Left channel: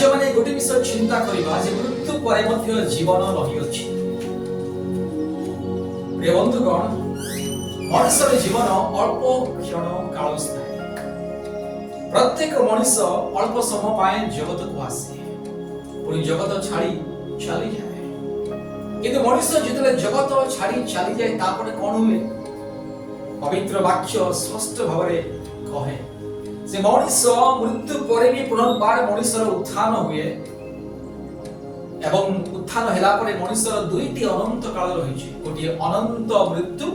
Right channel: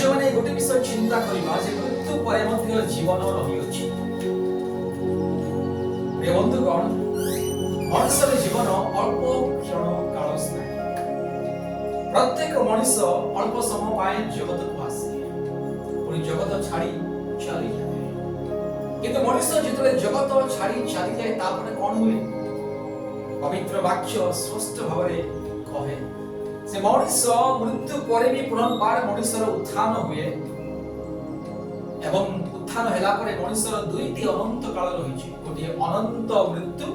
आज मैंने गोटे विषय चिंता करवा मृत्यु पर जीवन रही। बंधुगण, मनुष्य जीवन अल्प क्षण काल स्थायी। प्रत्येक मनुष्य अल्प समय जगत को आसे पुणी जगत छाड़ी चली जाए। किंतु मनुष्य जिते जगत छाड़ी चली जाए तापर कौन हुए? पवित्र वाक्य स्पष्ट भाव कहे से मनुष्य मृत्यु पर भी पुनर्बार मनुष्यर उत्थान हुए एवं उत्थान होला परे मनुष्यर दुईटी अनंत काल रही। गोटे अनंत मृत्यु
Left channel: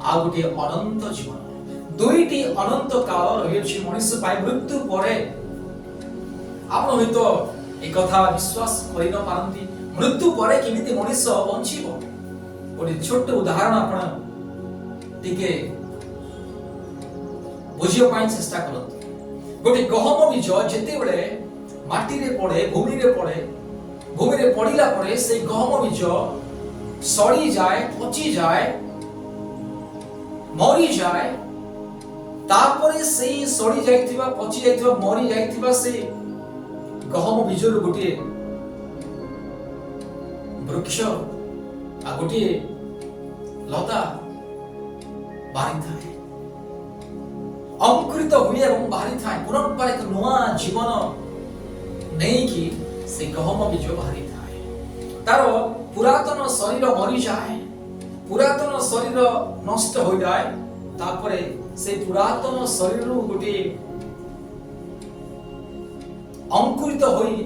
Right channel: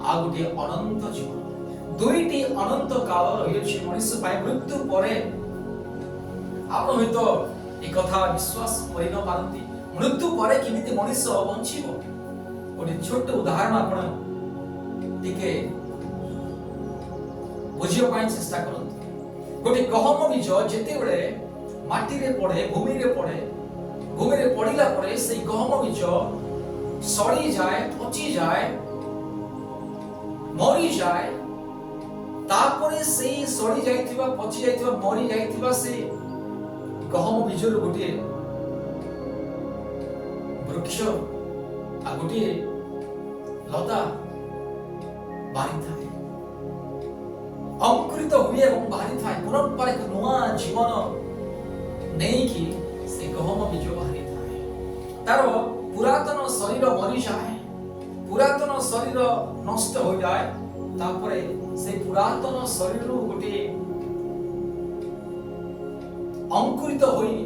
आ गोटे अनंत जीवन। दुईटी अनंत काल रही मनुष्य पाए मृत्यु पर। आप तो एक कथा विश्वास कर न पारती मृत्यु पर किमिति मनुष्य बंचिबो। गोटे छोट उदाहरण आपण टिके बुझियो पाई चेष्टा करत। गोटे गहम बीज जेते बेले माटी रे पड़े भूमि रे पड़े भूमि रे पड़िला परे से गहम बीज सड़ी जाए पची जाए मरी जाए तापरे से सड़ी जाइथिबा पची जाइथिबा मरी जाइथिबा से गहम बीज रो गोटे वृक्ष आ गोटे लता बारी थाए अंकुरित हुए एवं बाहरी थाए पुनर्बार एक नुआ जीवन नहीं कि से गहम बीज बाहरी थाए। तार पुरातन शरीर मरी जाए पुरातन शरीर नष्ट हो जाए तापरे से पुरातन शरीर गोटे अंकुरित होई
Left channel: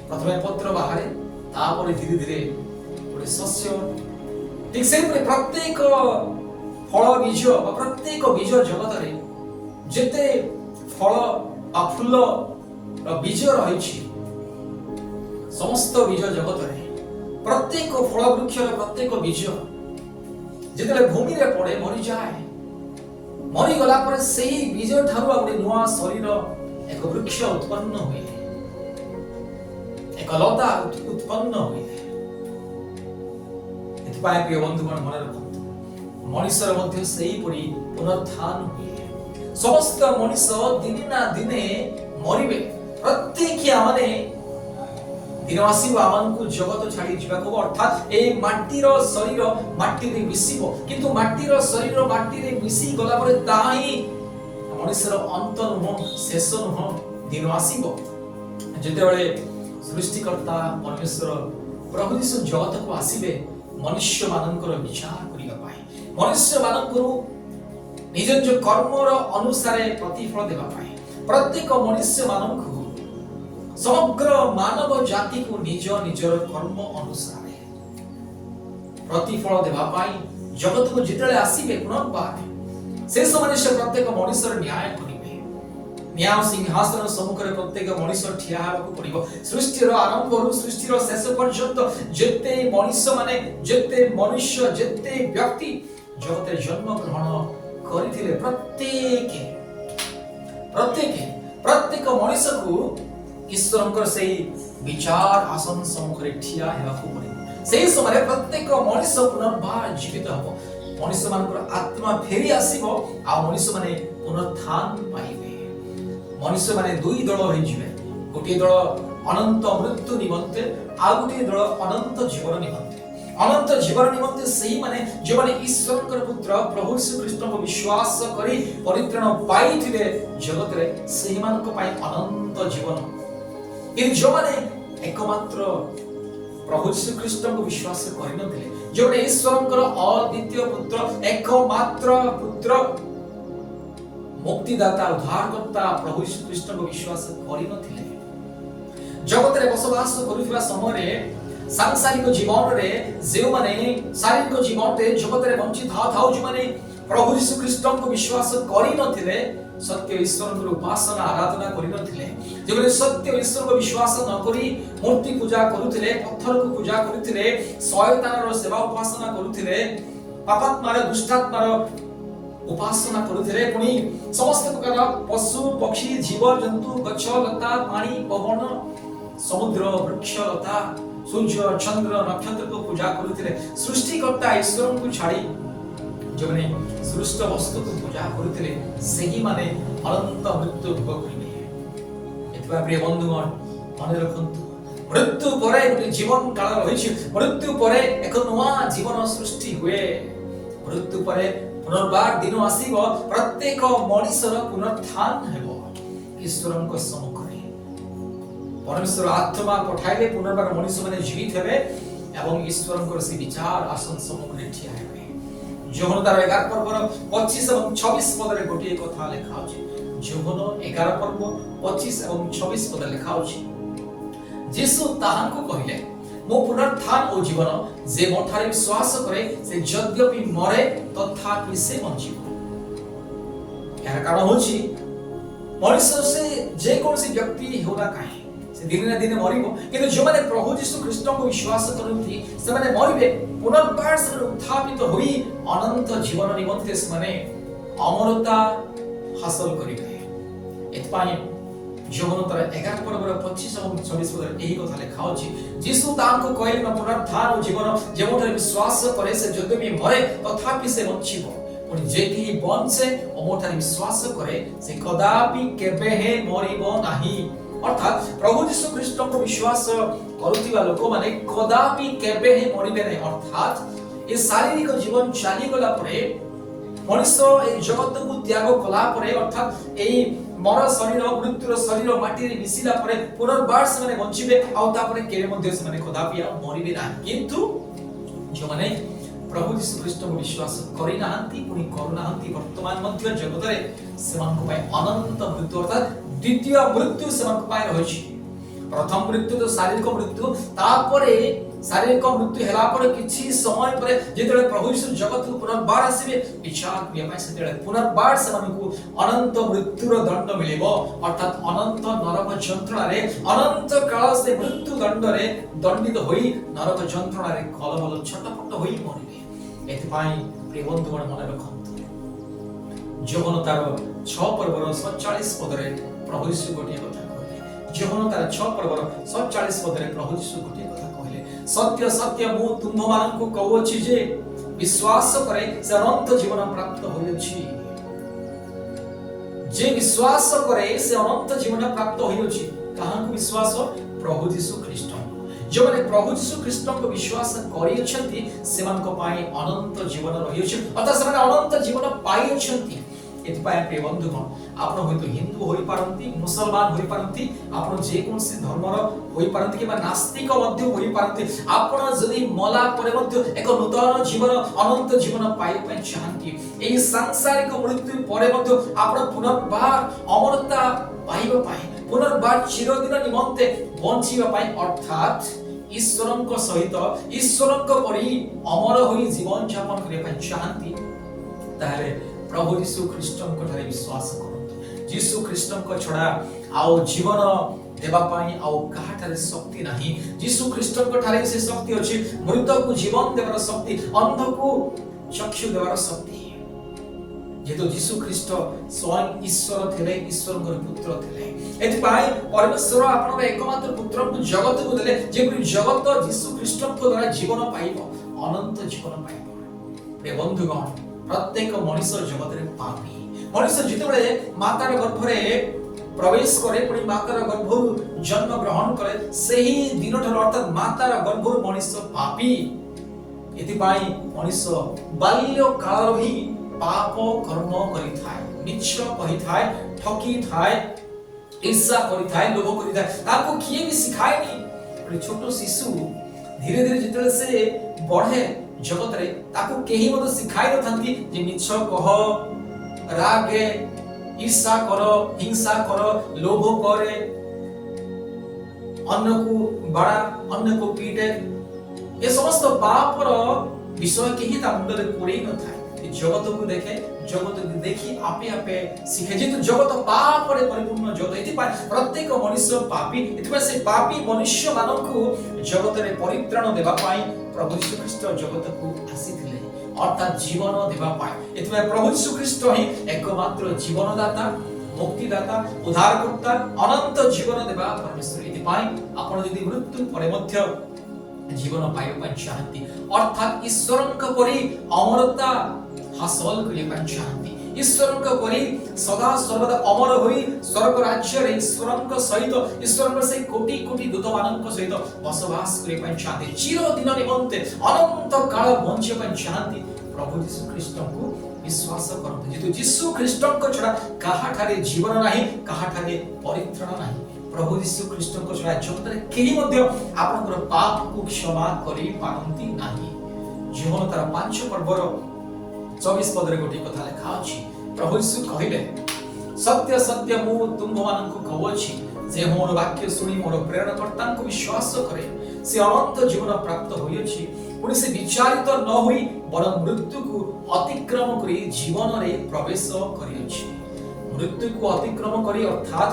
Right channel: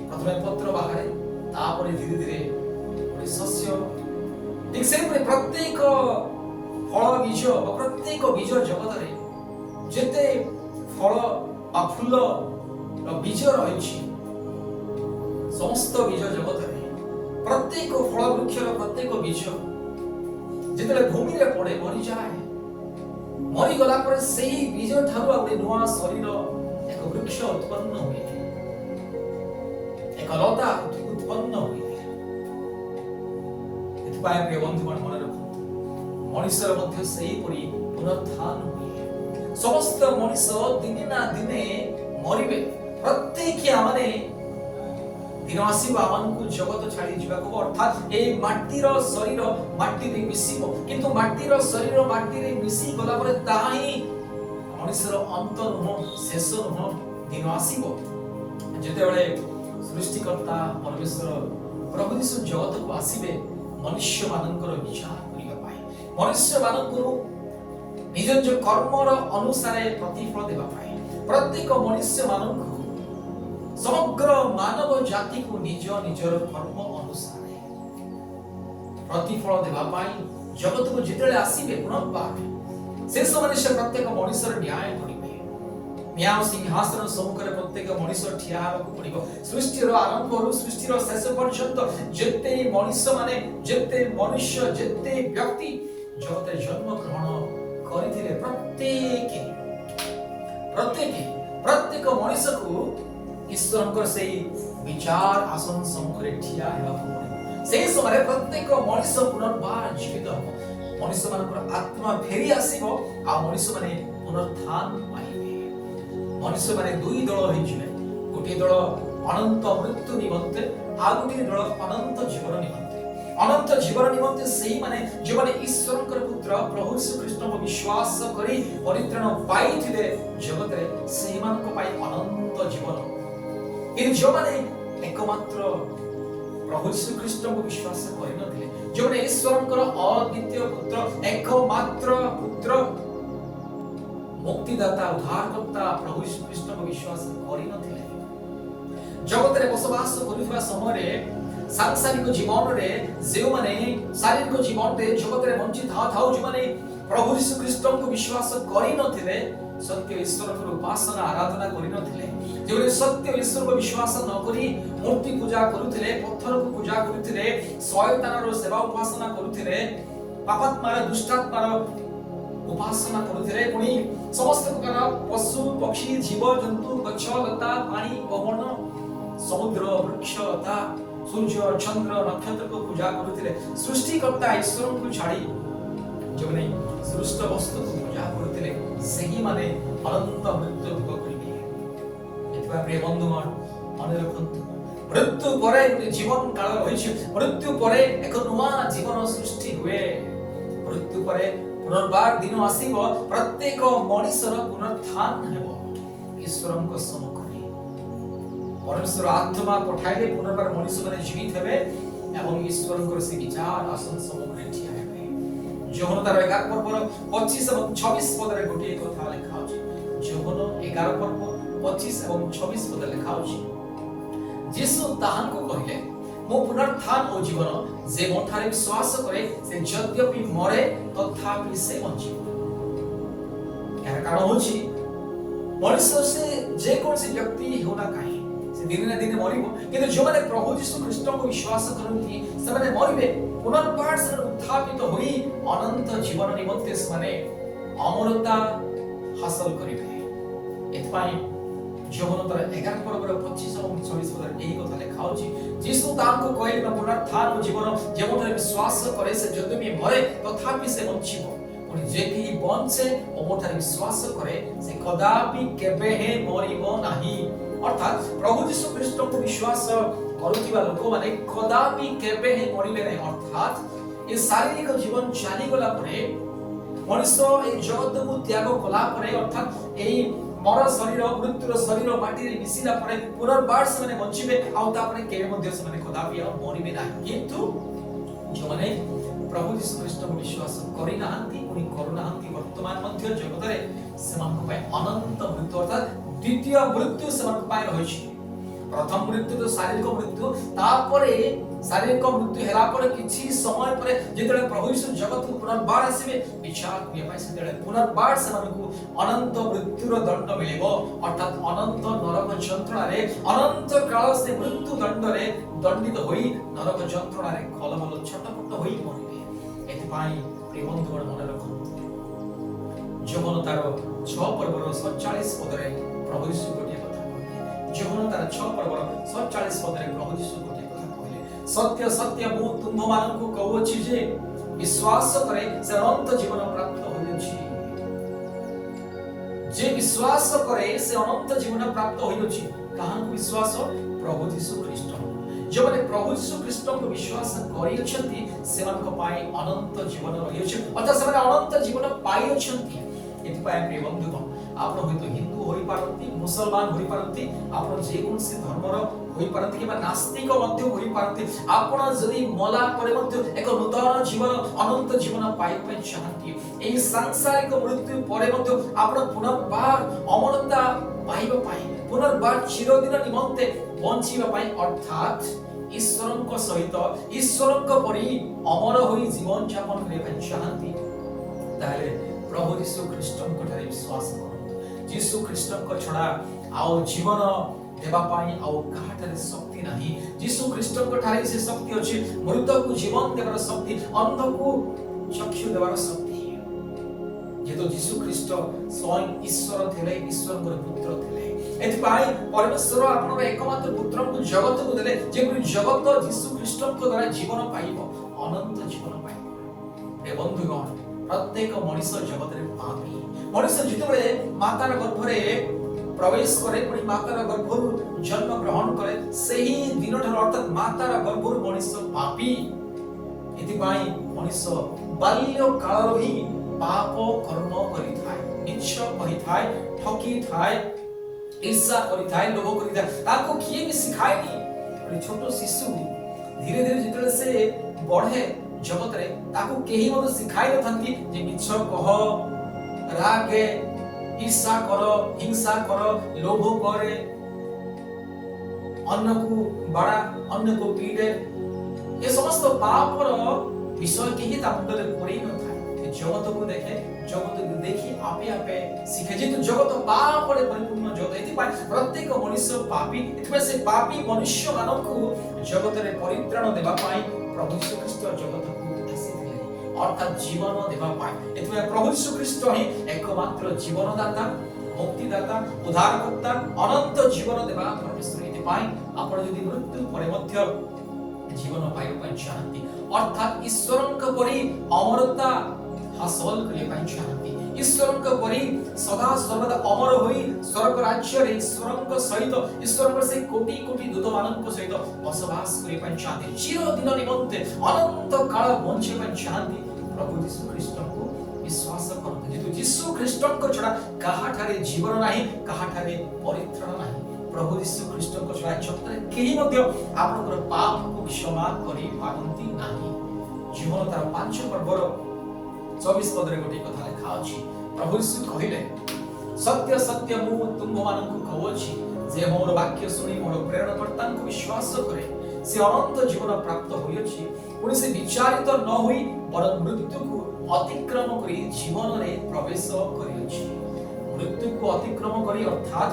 प्रथमे पत्र बाहरे तापरे धीरे धीरे गोटे शस्य। ठीक से प्रत्येक फल बीज प्रत्येक बीज जगत रे जेते फल आ फूल बीज रही समस्त बीज जगत रे प्रत्येक फल वृक्ष प्रत्येक बीज जिते भूमि रे पड़े मरी जाए मरी गला पर सेही बीज ठारू गोटे नुआ शरीर एक वृक्ष उत्पन्न हुए एक लता उत्पन्न हुए। एथिपाई प्रिय बंधुगण मन रखु मनुष्य मध्य सही पड़ी पुनरुत्थान हुए। समस्त मनुष्य दिने ना दिने मरिबे। प्रत्येक आमने दिन आसीबो आमनकु जगत छाड़ी जिबाको अर्थात ए माटीर शरीर माटी रे मिसिबो किंतु माटीर शरीर माटी रे मिसी गला परे ताही मनुष्यर अंत नुह शेष नुह दिन आसीबो जेते बेले सृष्टिकर्ता परमेश्वर प्रभु यीशु जगत को आसीबे मनुष्य मानकर विचार करिबा पाए मनुष्य मानकरू निज निज कर्मर अनुसार प्रतिफल देबा पाए प्रत्येक मनुष्य मानकू समग्र मानव जाति को निज निजर कर्म अनुसार प्रतिफल देबा पाए जगत को जितले आसीबे पुनर्बार से समय से प्रत्येक मनुष्यर न्याय करिबे। न्याय सिंहासन सम्मुख रे प्रत्येक मनुष्य ठिया हेबाकू पड़िबो। सृष्टिर आरंभରୁ सृष्टिर शेष पर्यंत जेते मनुष्य माने जेते मनुष्य जेते व्यक्ति जगत जन्म ग्रहण करिथिले प्रत्येक मनुष्य को ईश्वरंकर से विचार आसन सम्मुख रे ठिया हेबाकू पड़िबो। सेही समय प्रत्येक मनुष्य पुनर्बार जीवित हबो। मनुष्य मानकर आत्मा फेरी आसीबो आ मनुष्य माने पुनरुत्थान पाइबे। मनुष्य माने दुई दल होई जिवे। गोटे दल अनंत मृत्यु निमंते आ गोटे दल अनंत जीवन निमंते। अनंत जीवन निमंते सेही माने जे माने ईश्वरकर पुत्र प्रभु यीशु ख्रीष्ट को विश्वास करी परित्राण पाइथिले जगत रे सेही मानक पाई अनंत जीवन। इन जो माने एकमात्र प्रभु यीशु ख्रीष्ट को विश्वास करि नथिले जे माने ईश्वरकर अद्वितीय पुत्र एकमात्र पुत्र मुक्तिदाता उद्धारकर्ता प्रभु यीशु ख्रीष्ट को विश्वास करि नथिले जगत रे बसवास करुवा समय रे सांसारिक जीवन रे जे माने शारीरिक जीवन रे जगत रे वंचित थाउ जे माने प्रभु यीशु ख्रीष्ट को विश्वास करि नथिले सत्य ईश्वर को उपासना आराधना करि नथिले जे माने सत्य ईश्वर को विश्वास न करी मूर्ति पूजा करुथिले पत्थर को पूजा करुथिले शयतान रो सेवा उपासना करुथिले पापात्मा रे दुष्टात्मा रो उपासना करुथिले पुनी समस्त प्रकार पशु पक्षी जीव जंतु गछ लता पानी पवन समुद्र वृक्ष लता सूर्य चंद्र नक्षत्र को पूजा करुथिले सृष्टिकर्ता ईश्वर को छाड़ी जो माने सृष्ट वस्तु को पूजा करुथिले सेही माने अनंत मृत्यु भोग करिवे। एतबा प्रिय बंधुगण मन रखंतु मृत्यु परे गोटे जीवन काल रही मृत्यु परे एक नुआ जीवन सृष्टि हुए मृत्यु परे पुनर्बार दिन आसीब प्रत्येक मनुष्यर पुनरुत्थान हेबो ईश्वरଙ୍କ सम्मुखରେ परमेश्वर आत्मा पठाइले पुनर्बार मनुष्य माने जीवित हेबे एवं ईश्वरଙ୍କ से विचार आसन सम्मुखରେ ठिया हेबे जोहन तार 11 पर्वर 25 एवं 26 पदरे गोटे कथा लिखा अछि जोहन 11 पर्व 25 एवं 26 पद लिखा अछि यीशु ताहांको कहिले मो पुनरुत्थान ओ जीवन जे मोठारे विश्वास करे से यद्यपि मरे तथापि से बंचिबो यार कारण होछि मनुष्य से जे कोनसी व्यक्ति होना काहे से दिन ना दिन मरिबो किंतु जो माने प्रभु यीशु ख्रीष्ट को विश्वास करथि से माने मरिबे पुनर्बार से उत्थापित होई अनंत जीवन निमंते से माने अमरता हासिल करिबे एतपाई जोहन तार 11 पर्वर 25 और 26 पद एही कथा लिखा अछि यीशु तांको कहले पुनरुत्थान और जीवन जेमोठे विश्वास करे से यद्यपि मरे तथापि से बंचिबो और जेकी बंचे ओमोठारे विश्वास करे से कदापि केबे हे मरिबो नाही अर्थात प्रभु यीशु ख्रीष्ट को विश्वास करुथिबा लोक माने कदापि केबे हे मरिबे नाही अर्थात ये शारीरिक जीवन चाली गला परे मनुष्य ए जगत को त्याग कला परे अर्थात एई मर शरीर मृत्युर शरीर माटी रे मिसिला परे पुनर्बार से माने बंचिबे आ तापरे केबे मध्ये से माने कदापि मरिबे नाही किंतु जो माने प्रभु यीशु ख्रीष्ट को विश्वास करि नाहंती पुनी करू नाहंती वर्तमान मध्य जगत रे सेमान पाए अनंत मृत्यु अर्थात द्वितीय मृत्यु सेमान पाए रहिछि प्रथम मृत्यु तो शारीरिक मृत्यु तापरे शारीरिक मृत्यु हेला पर किछि समय पर जेतेले प्रभु यीशु जगत को पुनर्बार आसीबे विचार करिया पाए सेतेले पुनर्बार सेमानकु अनंत मृत्युर दंड मिलिबो अर्थात अनंत नरक यंत्रणा रे अनंत काल से मृत्यु दंड रे दंडित होई नरक यंत्रणा रे खलबल छटपट होई मरिबे एतपाई प्रिय बंधुगण मन रखंतु जोहन तार 6 पर्वर 47 पदरे प्रभु यीशु गोटे कथा कहले जोहन तार 6 पर्वर 47 पदरे प्रभु यीशु गोटे कथा कहले सत्य सत्य मु तुम मानकु कहउछि जे विश्वास करे से अनंत जीवन प्राप्त होइछि जे विश्वास करे से अनंत जीवन प्राप्त होइछि काहंकु विश्वास प्रभु यीशु ख्रीष्ट जो माने प्रभु यीशु ख्रीष्ट को विश्वास करि अछंती सेमान को पाई अनंत जीवन रहि अछि अर्थात से अनंत जीवन पाई अछंती एतपाय प्रिय बंधुगण आपण होइतो हिंदू होई पारंती मुसलमान होई पारंती आपण जे कोनसी धर्मर होई पारंती कि नास्तिक मध्य होई पारंती आपण जदी मला परे मध्य एक नूतन जीवन अनंत जीवन पाई पय चाहंती एई सांसारिक मृत्यु परे मध्य आपण पुनर्बार अमरता पाइबा पाई पुनर्बार चिरदिन निमंते बंचिबा पाई अर्थात ईश्वरଙ୍କ सहित ईश्वरଙ୍କ परि अमर होई जीवन यापन करिया पय चाहंती ताले प्रभु यीशु ख्रीष्टଙ୍କ ठारे विश्वास करंतु यीशु ख्रीष्टଙ୍କ छडा आउ जीवन देबा पाई आउ काहाटारे शक्ति नाही यीशु ख्रीष्टଙ୍କ ठारे से शक्ति अछि मृत को जीवन देबार शक्ति अंध को चक्षु देबार शक्ति जेतो यीशु ख्रीष्ट स्वयं ईश्वर थिले ईश्वरଙ୍କ पुत्र थिले एतपाई परमेश्वर आपनर एकमात्र पुत्र को जगत को देले जे जगत यीशु ख्रीष्टଙ୍କ द्वारा जीवन पाइबो अनंत जीवन पाइबो हे बंधुगण प्रत्येक मनुष्य जगत रे पापी मनुष्य जितेबेले मातार गर्भरे प्रवेश करे पुणी मातार गर्भरु जन्म ग्रहण करे सेही दिन ठर अर्थात मातार गर्भरु मनुष्य पापी एतिपाई मनुष्य बाल्य काल ही पाप कर्म करि थाए मिछ कहि थाए ठकी थाए ईर्ष्या करि थाए लोभ करि थाए ताको किए भी सिखाएनी छोटो शिशु धीरे धीरे जितेबेले से बढ़े जगत रे ताको केही मत सिखाई नथांती जे मिछ कह रागे ईर्ष्या कर हिंसा कर लोभ करे अन्य को बड़ा अन्य को पीटे ये समस्त पापर विषय केही ता मुंडरे पड़ी न थाए जगत को देखे जगत को देखि आपे आपे सीखे जे तो जगत पाप रे परिपूर्ण जगत एति प्रत्येक मनुष्य पापी एति से पापी मनुष्य मानकु जगत रे परित्राण देबा पाई प्रभु यीशु ख्रीष्ट जगत को आसीथिले अर्थात जीवन देबा पाई एति प्रभु यीशु ख्रीष्ट ही एकमात्र जीवनदाता मुक्तिदाता उद्धारकर्ता अनंत जीवन देबा परमेश्वर एति आपण यदि मृत्यु परे मध्य जीवन पाइबा चाहती अर्थात ईश्वरଙ୍କ परि अमरता हासिल करिबा चाहती ईश्वर परी सदा सर्वदा अमर होई स्वर्ग राज्य रे ईश्वर सहित ईश्वर से कोटि कोटि दूत मान सहित बसवास करने चाहते चिरदिन निमंते अनंत काल बंचे चाहती प्रभु यीशु ख्रीष्ट को विश्वास करते जेतु यीशु ख्रीष्ट को छड़ा काहाठारे जीवन नाही काहाठारे परित्राण नाही प्रभु यीशु ख्रीष्ट को छड़ा जगतरे केही मध्ये आपनकर पाप को क्षमा करि पारंती नाही जीवन तार 5 पर्वर 24 पदरे गोटे कथा लिखा अछि प्रभु यीशु कहिले सत्य सत्य मु तुम मानन को कहउछि जे मोर वाक्य सुनी मोर प्रेरणकर्ता को विश्वास करे से अनंत जीवन प्राप्त होइछि पुनि से विचारित न होई बरं मृत्यु को अतिक्रम करी जीवन रे प्रवेश करिछि मृत्यु को अतिक्रम करी अर्थात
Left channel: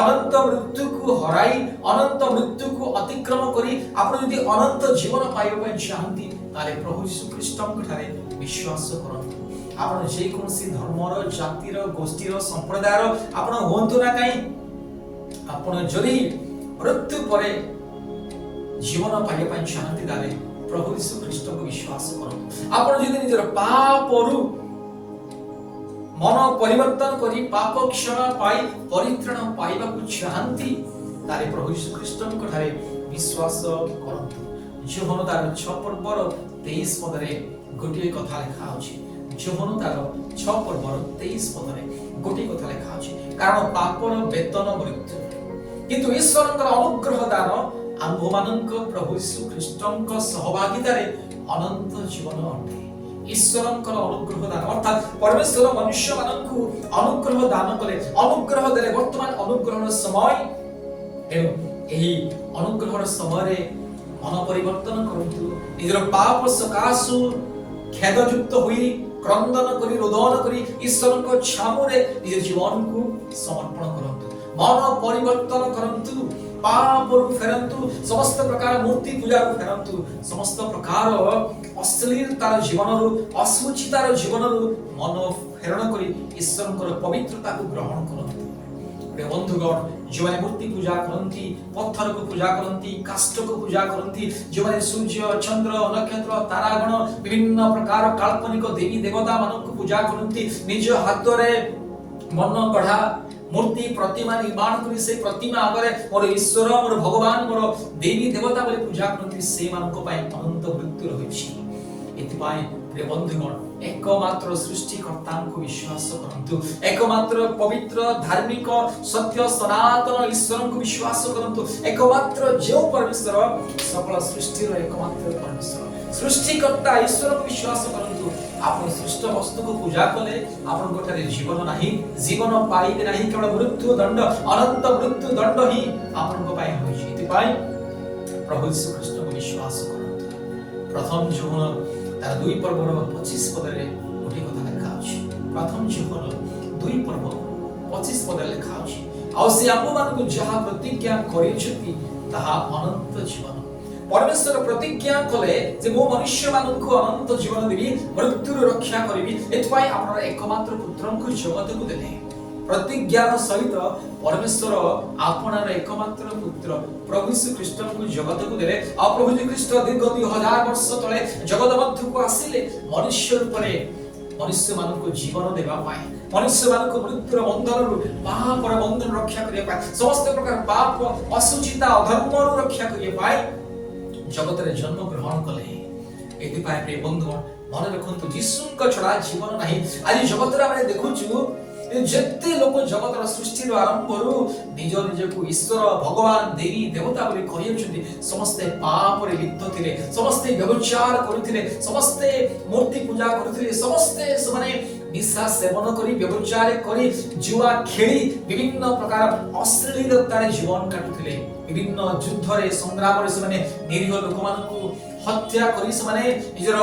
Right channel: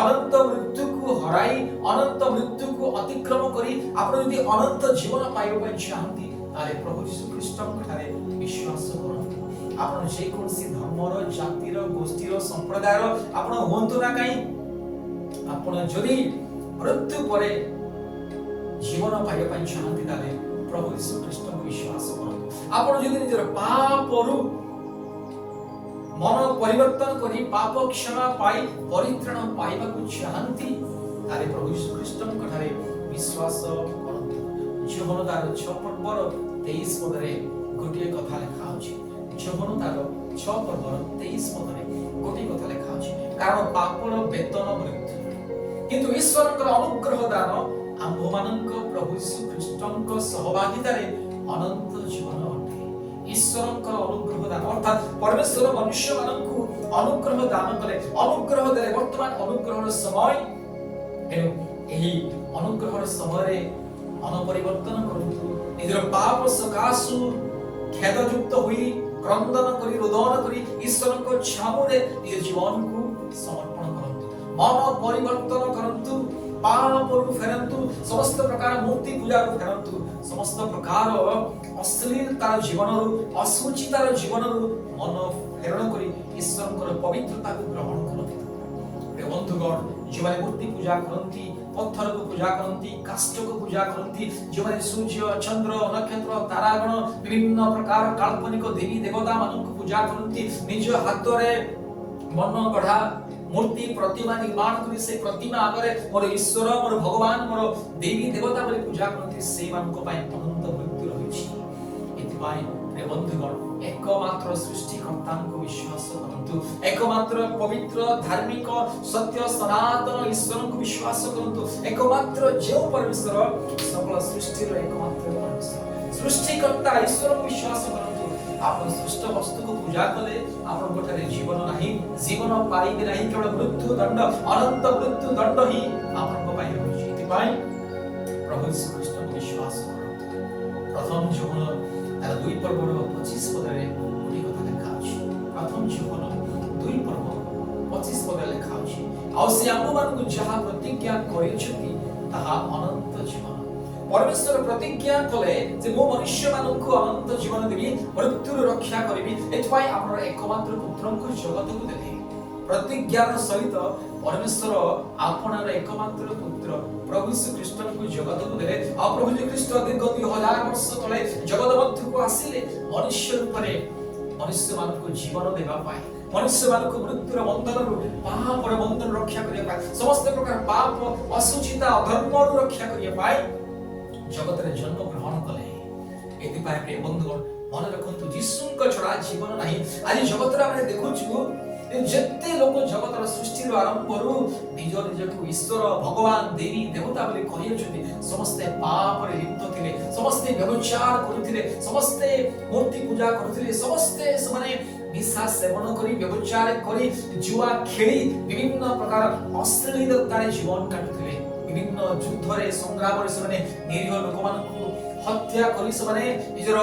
अनंत मृत्यु को हराई अनंत मृत्यु को अतिक्रम करी आपण यदि अनंत जीवन पाइबा पय चाहंती ताले प्रभु यीशु ख्रीष्ट ठारे विश्वास करंतु आपण जे कोनसी धर्मर जातिर गोष्ठीर संप्रदायर आपण होंतु ना काई आपण जरी मृत्यु परे जीवन पाइबा पय चाहंती ताले प्रभु यीशु ख्रीष्ट को विश्वास करंतु आपण जदि निजर पापरु मन परिवर्तन करी पाप क्षमा पाई परित्राण पाइबा को चाहंती तारे प्रभु यीशु ख्रीष्ट को ठारे विश्वास करंतु जीवन तार 6 पर्वर 23 पदरे गोटे कथा लिखा अछि जीवन तार 6 पर्वर 23 पदरे गोटे कथा लिखा अछि कारण पापर वेतन मृत्यु किंतु ईश्वरकर अनुग्रह दान आम्भ मानक प्रभु यीशु ख्रीष्टक सहभागितारे अनंत जीवन अटे ईश्वरकर अनुग्रह दान अर्थात परमेश्वर मनुष्य मानकु अनुग्रह दान कले अनुग्रह देले वर्तमान अनुग्रहर समय एनु एही अनुग्रहर समय मन परिवर्तन करंतु निजर पाप सकाशु खेदयुक्त होई क्रंदन करी रोदन करी ईश्वरक छामुरे निज जीवन को समर्पण करंतु मन परिवर्तन करंतु पाप फेरंतु समस्त प्रकार मूर्ति पूजा फेरंतु समस्त प्रकार अश्लीलतार जीवन अशुचितार जीवन मन फेरण करी ईश्वर पवित्रता को ग्रहण करंतु बंधुगण जो मूर्ति पूजा करती पत्थर को पूजा करती काष्ठ को पूजा करती जो सूर्य चंद्र नक्षत्र तारागण विभिन्न प्रकार काल्पनिक देवी देवता मान को पूजा करती निज हाथ में मन गढ़ा मूर्ति प्रतिमा निर्माण करी से प्रतिमा आगे मोर ईश्वर मोर भगवान मोर देवी देवता बोली पूजा करती से मान को पाए अनंत मृत्यु रहिछि एतिपाई प्रिय बंधुगण एकमात्र सृष्टिकर्ता को विश्वास करंतु एकमात्र पवित्र धार्मिक सत्य सनातन ईश्वर को विश्वास करंतु एकमात्र जो परमेश्वर सकल सृष्टि रो एकमात्र परमेश्वर सृष्टिकर्ता ईश्वर को विश्वास करंतु आपण सृष्ट वस्तु को पूजा कले आपण कोठारे जीवन नाही जीवन पाइबे नाही केवल मृत्यु दंड अनंत मृत्यु दंड ही आपण को पाइ होई इति पाइ प्रभु यीशु ख्रीष्ट को विश्वास करंतु प्रथम जीवन तार 2 पर्वर 25 पदरे ओडी कथा लिखा अछि प्रथम जीवन 2 पर्व 25 पदरे लिखा अछि आ से आम्भ मान को जहा प्रतिज्ञा करिछति ताहा अनंत जीवन परमेश्वर प्रतिज्ञा कले जे मो मनुष्य मानक अनंत जीवन देबी मृत्यु रक्षा करिबी एतपाई आपन एकमात्र पुत्र को जगत को देले प्रतिज्ञार सहित परमेश्वर आपनर एकमात्र पुत्र प्रभु यीशु ख्रीष्ट को जगत को देले आ प्रभु यीशु ख्रीष्ट दीर्घ 2000 वर्ष तले जगत मध्य को आसिले मनुष्य रूपरे मनुष्य मानक जीवन देबा पाए मनुष्य मानक मृत्युर बंधन पापर बंधन रक्षा करिया पाए समस्त प्रकार पाप अशुचिता अधर्म रक्षा करिया पाए जगत रे जन्म ग्रहण कले एति पाए प्रिय बंधुगण मन रखंतु यीशुक छडा जीवन नाही आज जगत रे हम देखुछु जेते लोक जगत रा सृष्टि रो आरंभ रु निज निज को ईश्वर भगवान देवी देवता बोली कहियछथि समस्त पाप रे लिप्त थिले समस्त व्यभिचार करथिले समस्त मूर्ति पूजा करथिले समस्त माने निशा सेवन करी व्यभिचार करी जुआ खेली विभिन्न प्रकार अश्लीलता रे जीवन काटुथिले विभिन्न युद्ध रे संग्राम रे माने निरीह लोक मानकु हत्या करी से माने निजर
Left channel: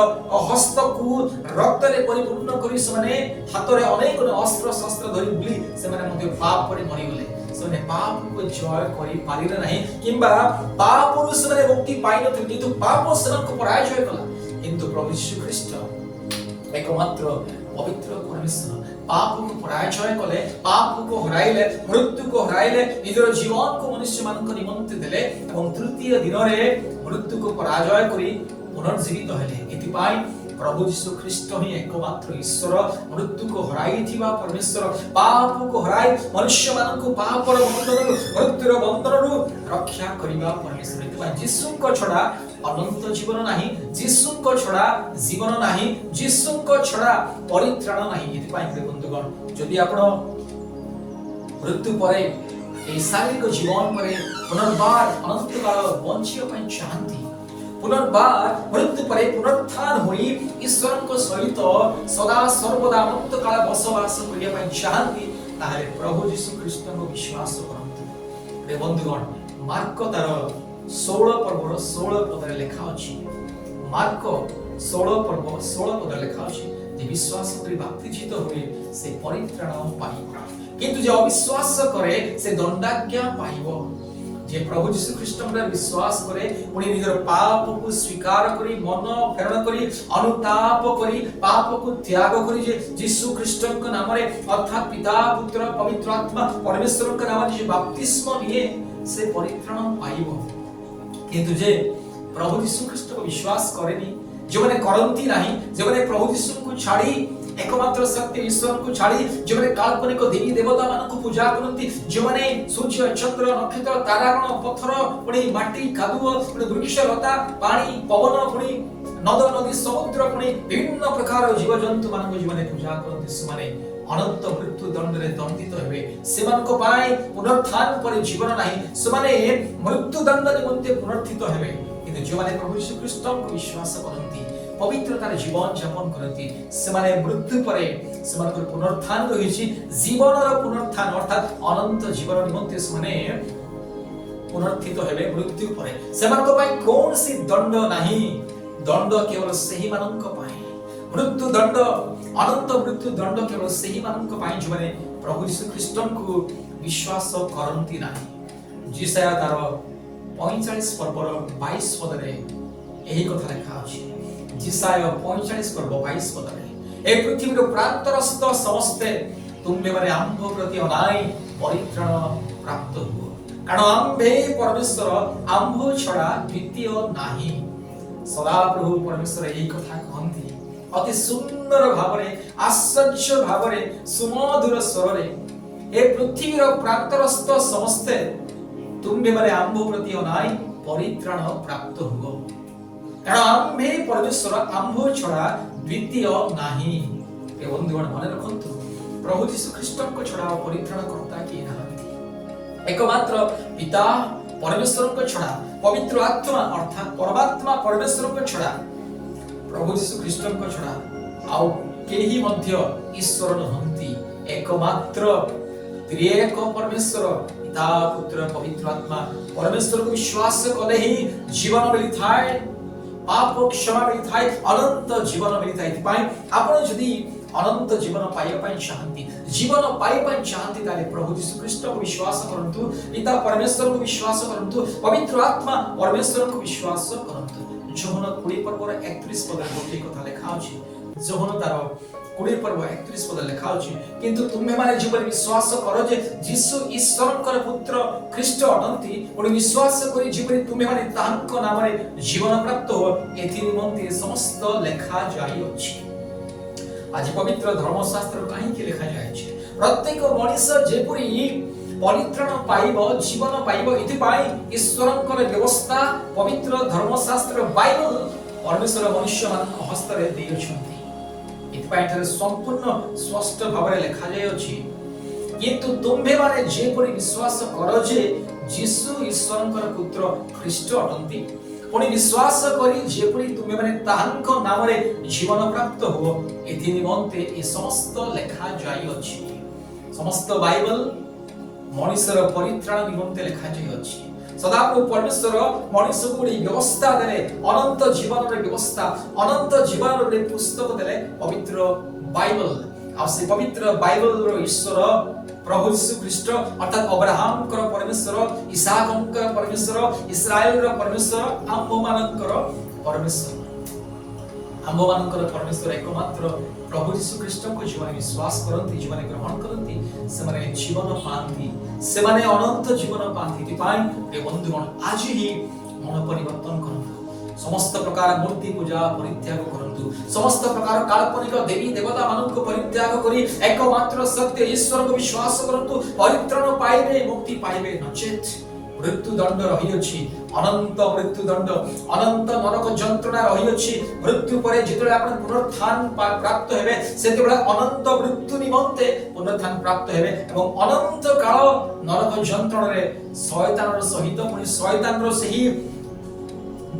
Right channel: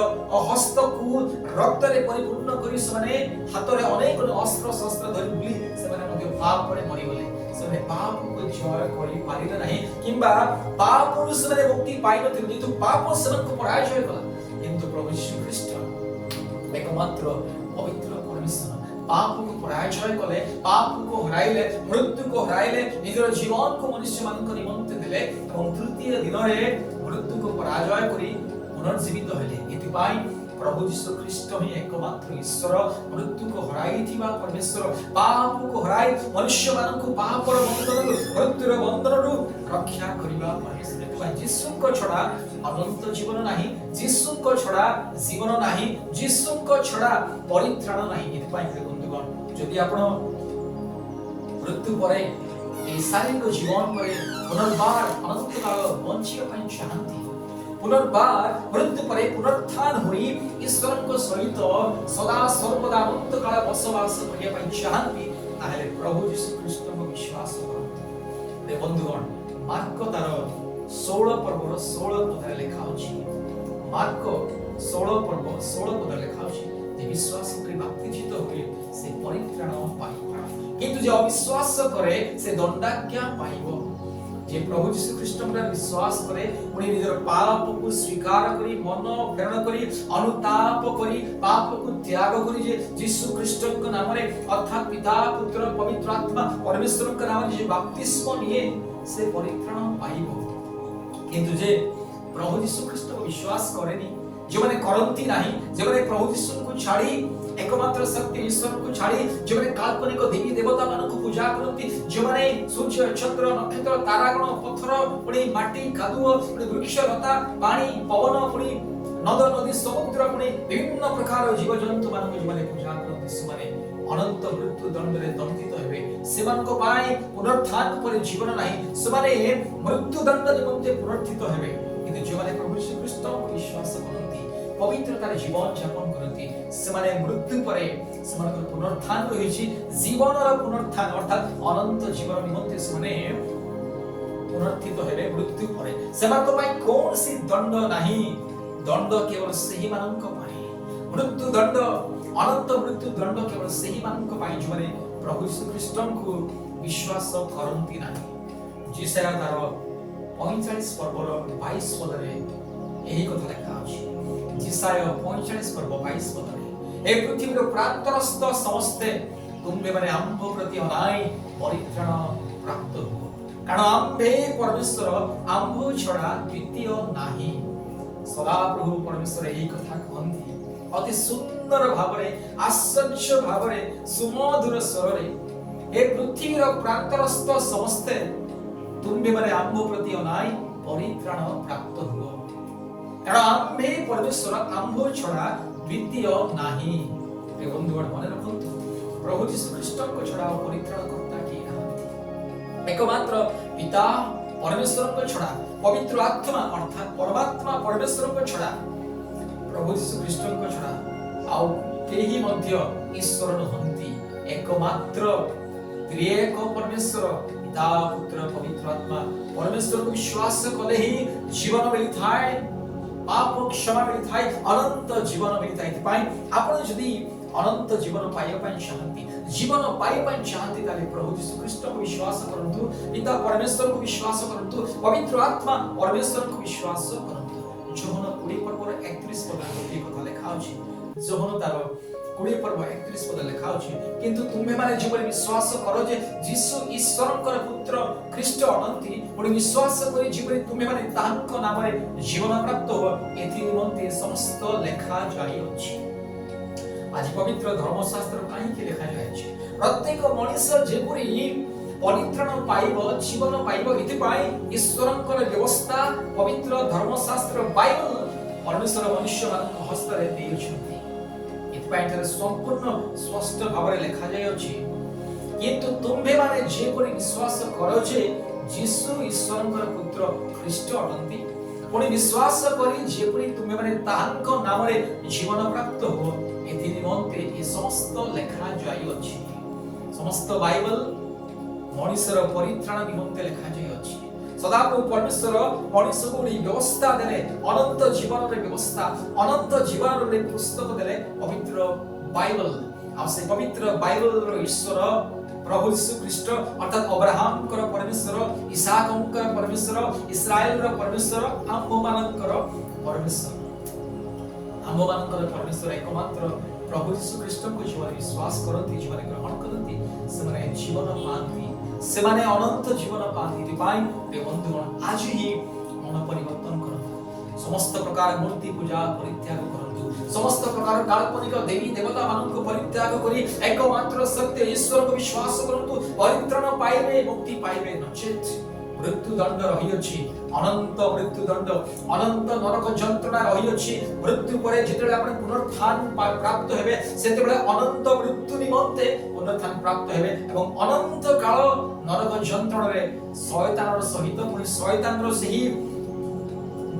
हस्त को रक्त रे परिपूर्ण करी से माने हाथ रे अनेक अस्त्र शस्त्र धरि बुली से माने मध्ये पाप रे मरि गले से माने पाप को जय करी पारिले नाही किंबा पाप रु से माने मुक्ति पाइ नथिले जेतु पाप सेवन को पराजय कला किंतु प्रभु यीशु ख्रीष्ट एकमात्र पवित्र परमेश्वर पाप को पराजय कले पाप को हराइले मृत्यु को हराइले निजर जीवन को मनुष्य मान को निमंत्रण देले एवं तृतीय दिन रे मृत्यु को पराजय करी पुनर्जीवित हेले इति पाई प्रभु यीशु ख्रीष्ट ही एकमात्र ईश्वर मृत्यु को हराई थिबा परमेश्वर पाप को हराई मनुष्य मान को पापर बंधन मृत्युर बंधन रक्षा करबा परमेश्वर एतबा यीशु को छडा अनंत जीवन नाही यीशु को छडा जीवन नाही यीशु को छडा परित्राण नाही एतबा बंधुगण जदि आपण मृत्यु परे ए शारीरिक जीवन परे पुनर्बार अनंत काल बंचिया ପାଇଁ चाहती पुनर्बार मृत्यु परे पुनरुत्थान होई ईश्वर को सहित सदा सर्वदा अनंत काल बसवास करिया ପାଇଁ चाहती ताले प्रभु यीशु ख्रीष्ट को विश्वास करंतु रे बंधुगण मार्क तार 16 पर्व 16 पदरे लेखा अछि मार्क 16 पर्व 16 पदरे लेखा अछि जे विश्वास करी बाप्तिजित होए से परित्राण पाइबो किंतु जे अविश्वास करे से दंडाज्ञा पाइबो जे प्रभु यीशु ख्रीष्ट में विश्वास करे पुणी निजर पाप को स्वीकार करी मन फेरण करी अनुताप करी पाप को त्याग करी जे यीशु ख्रीष्ट के नाम रे अर्थात पिता पुत्र पवित्र आत्मा परमेश्वर के नाम रे बपतिस्म लिए से परित्राण पाइबो किंतु जे प्रभु यीशु ख्रीष्ट को विश्वास करेनी जो माने करंती नाही जे माने प्रभु यीशु को छाड़ी एकमात्र सत्य ईश्वर को छाड़ी जो माने काल्पनिक देवी देवता मान को पूजा करती जो माने सूर्य चंद्र नक्षत्र तारागण पत्थर पुणी माटी कादुओ पुणी वृक्ष लता पानी पवन पुणी नद नदी समुद्र पुणी विभिन्न प्रकार जीव जंतु मान को जो माने पूजा करती से माने अनंत मृत्यु दंड रे दंडित हेबे सेमान को पाए पुनरुत्थान पर जीवन नाही से माने मृत्यु दंड निमंते पुनरुत्थित हेबे किंतु जो माने प्रभु यीशु ख्रीष्ट को विश्वास करती पवित्रतार जीवन यापन करती से माने मृत्यु परे सेमानकर पुनरुत्थान रहिछि जीवनर पुनरुत्थान अर्थात अनंत जीवन निमंते से माने पुनरुत्थित हेबे मृत्यु परे सेमानक पई कोनसी दंड नाही दंड केवल सही मानक पई मृत्यु दंड अनंत मृत्यु दंड केवल सही मानक पई जो माने प्रभु यीशु ख्रीष्ट को विश्वास करंती नाही जिसाया तार 45 पर्वर 22 पदरे एही कथा लिखा अछि जिसाया 45 पर्व 22 पदरे ए पृथ्वीर प्रान्तरस्थ समस्ते तुम्बे माने आम्भ प्रति अनाई परित्राण प्राप्त हो कारण आम्भे परमेश्वर आम्भ छडा द्वितीय नाही सदा प्रभु परमेश्वर एही कथा कहंती अति सुंदर भावरे आश्चर्य भावरे सुमधुर स्वररे ए पृथ्वीर प्रान्तरस्थ समस्ते तुम्बे माने आम्भ प्रति अनाई परित्राण प्राप्त हो कारण आम्भे परमेश्वर आम्भ छडा द्वितीय नाही ए बंधुगण मन रखंतु प्रभु यीशु ख्रीष्ट को छडा परित्राण करता कि नाही एकमात्र पिता परमेश्वर को छडा पवित्र आत्मा अर्थात परमात्मा परमेश्वर को छडा प्रभु यीशु ख्रीष्ट को छडा आउ केही मध्य ईश्वर नहंती एकमात्र त्रिएक परमेश्वर पिता पुत्र पवित्र आत्मा परमेश्वर को विश्वास कले ही जीवन मिलिथाय पाप क्षमा मिलिथाय अनंत जीवन मिलिथाय पाई आपण जदी अनंत जीवन पाइबा पई चाहती जीवन पाइबा पई चाहती ताले प्रभु यीशु ख्रीष्ट को विश्वास करंतु पिता परमेश्वर को विश्वास करंतु पवित्र आत्मा परमेश्वर को विश्वास करंतु जोहन 20 पर्व 31 पद गोटे कथा लिखा अछि जोहन तार 20 पर्व 31 पद लिखा अछि किंतु तुम्हे माने जीवन विश्वास करो जे यीशु ईश्वरकर पुत्र ख्रीष्ट अनंती पुणी विश्वास करी जीवन तुम्हे माने तांको नाम रे जीवन प्राप्त हो एथि निमंते समस्त लेखा जाई अछि आज पवित्र धर्मशास्त्र काहे के लिखा जाय अछि प्रत्येक मनुष्य जेपुरी परित्राण पाइबो जीवन पाइबो एथि पाई ईश्वरकर व्यवस्था पवित्र धर्मशास्त्र बाइबल परमेश्वर मनुष्य मान हस्त रे देइ छथि इतपाइथरे संपूर्ण स्पष्ट भावरे लिखा जाय अछि किंतु तुम्हे माने जेपुरी विश्वास करो जे यीशु ईश्वरकर पुत्र ख्रीष्ट अटंती पुणी विश्वास करी जेपुरी तुम्हे माने ताहांको नाम रे जीवन प्राप्त हो एथि निमंते ए समस्त लेखा जाय अछि समस्त बाइबल मनुष्यर परित्राण निमंते लेखा जाय अछि सदाप्रभु परमेश्वर मनुष्य को व्यवस्था देले अनंत जीवन रे व्यवस्था अनंत जीवन रे पुस्तक देले पवित्र बाइबल आ से पवित्र बाइबल रो ईश्वर प्रभु यीशु ख्रीष्ट अर्थात अब्राहम कर परमेश्वर इसहाक कर परमेश्वर इस्राएल रो परमेश्वर आम्भ मानकर परमेश्वर आम्भ मानकर परमेश्वर एकमात्र प्रभु यीशु ख्रीष्ट को जीवन विश्वास करती जीवन ग्रहण करती से माने जीवन पाती से माने अनंत जीवन पाती पाई ए बंधुगण आज ही मन परिवर्तन करो समस्त प्रकार मूर्ति पूजा परित्याग करंतु समस्त प्रकार काल्पनिक देवी देवता मानक परित्याग करी एकमात्र सत्य ईश्वर को विश्वास करंतु परित्राण पाइबे मुक्ति पाइबे नचेत मृत्यु दंड रही अछि अनंत मृत्यु दंड अनंत नरक जंत्रणा रही अछि मृत्यु परे जितले आपण पुनरुत्थान प्राप्त हेबे सेतेबेले अनंत मृत्यु निमंते पुनरुत्थान प्राप्त हेबे एवं अनंत काल नरक जंत्रणा रे शयतानर सहित पुनि शयतानर सही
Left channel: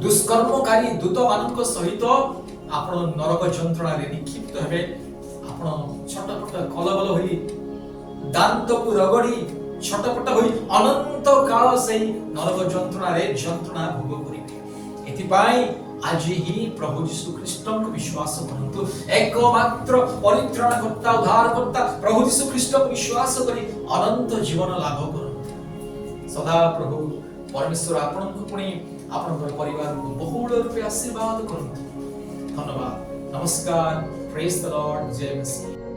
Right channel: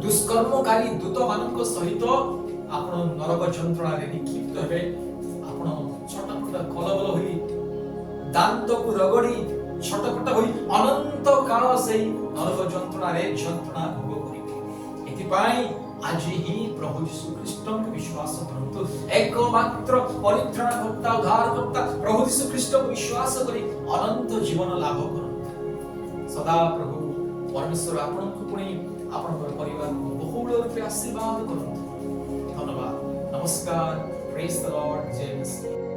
दुष्कर्मकारी दूत मानक सहित आपण नरक जंत्रणा रे निक्षिप्त हेबे आपण छटपट कलबल होई दांत को रगड़ी छटपट होई अनंत काल से नरक जंत्रणा रे जंत्रणा भोग करिवे एथिपाई आज ही प्रभु यीशु ख्रीष्ट को विश्वास करंतु एकमात्र परित्राणकर्ता उद्धारकर्ता प्रभु यीशु ख्रीष्ट को विश्वास करी अनंत जीवन लाभ करंतु सदा प्रभु परमेश्वर आपन को पुणी आपन परिवार को बहुल रूपे आशीर्वाद करंतु धन्यवाद नमस्कार प्रेज द लॉर्ड जय मसीह।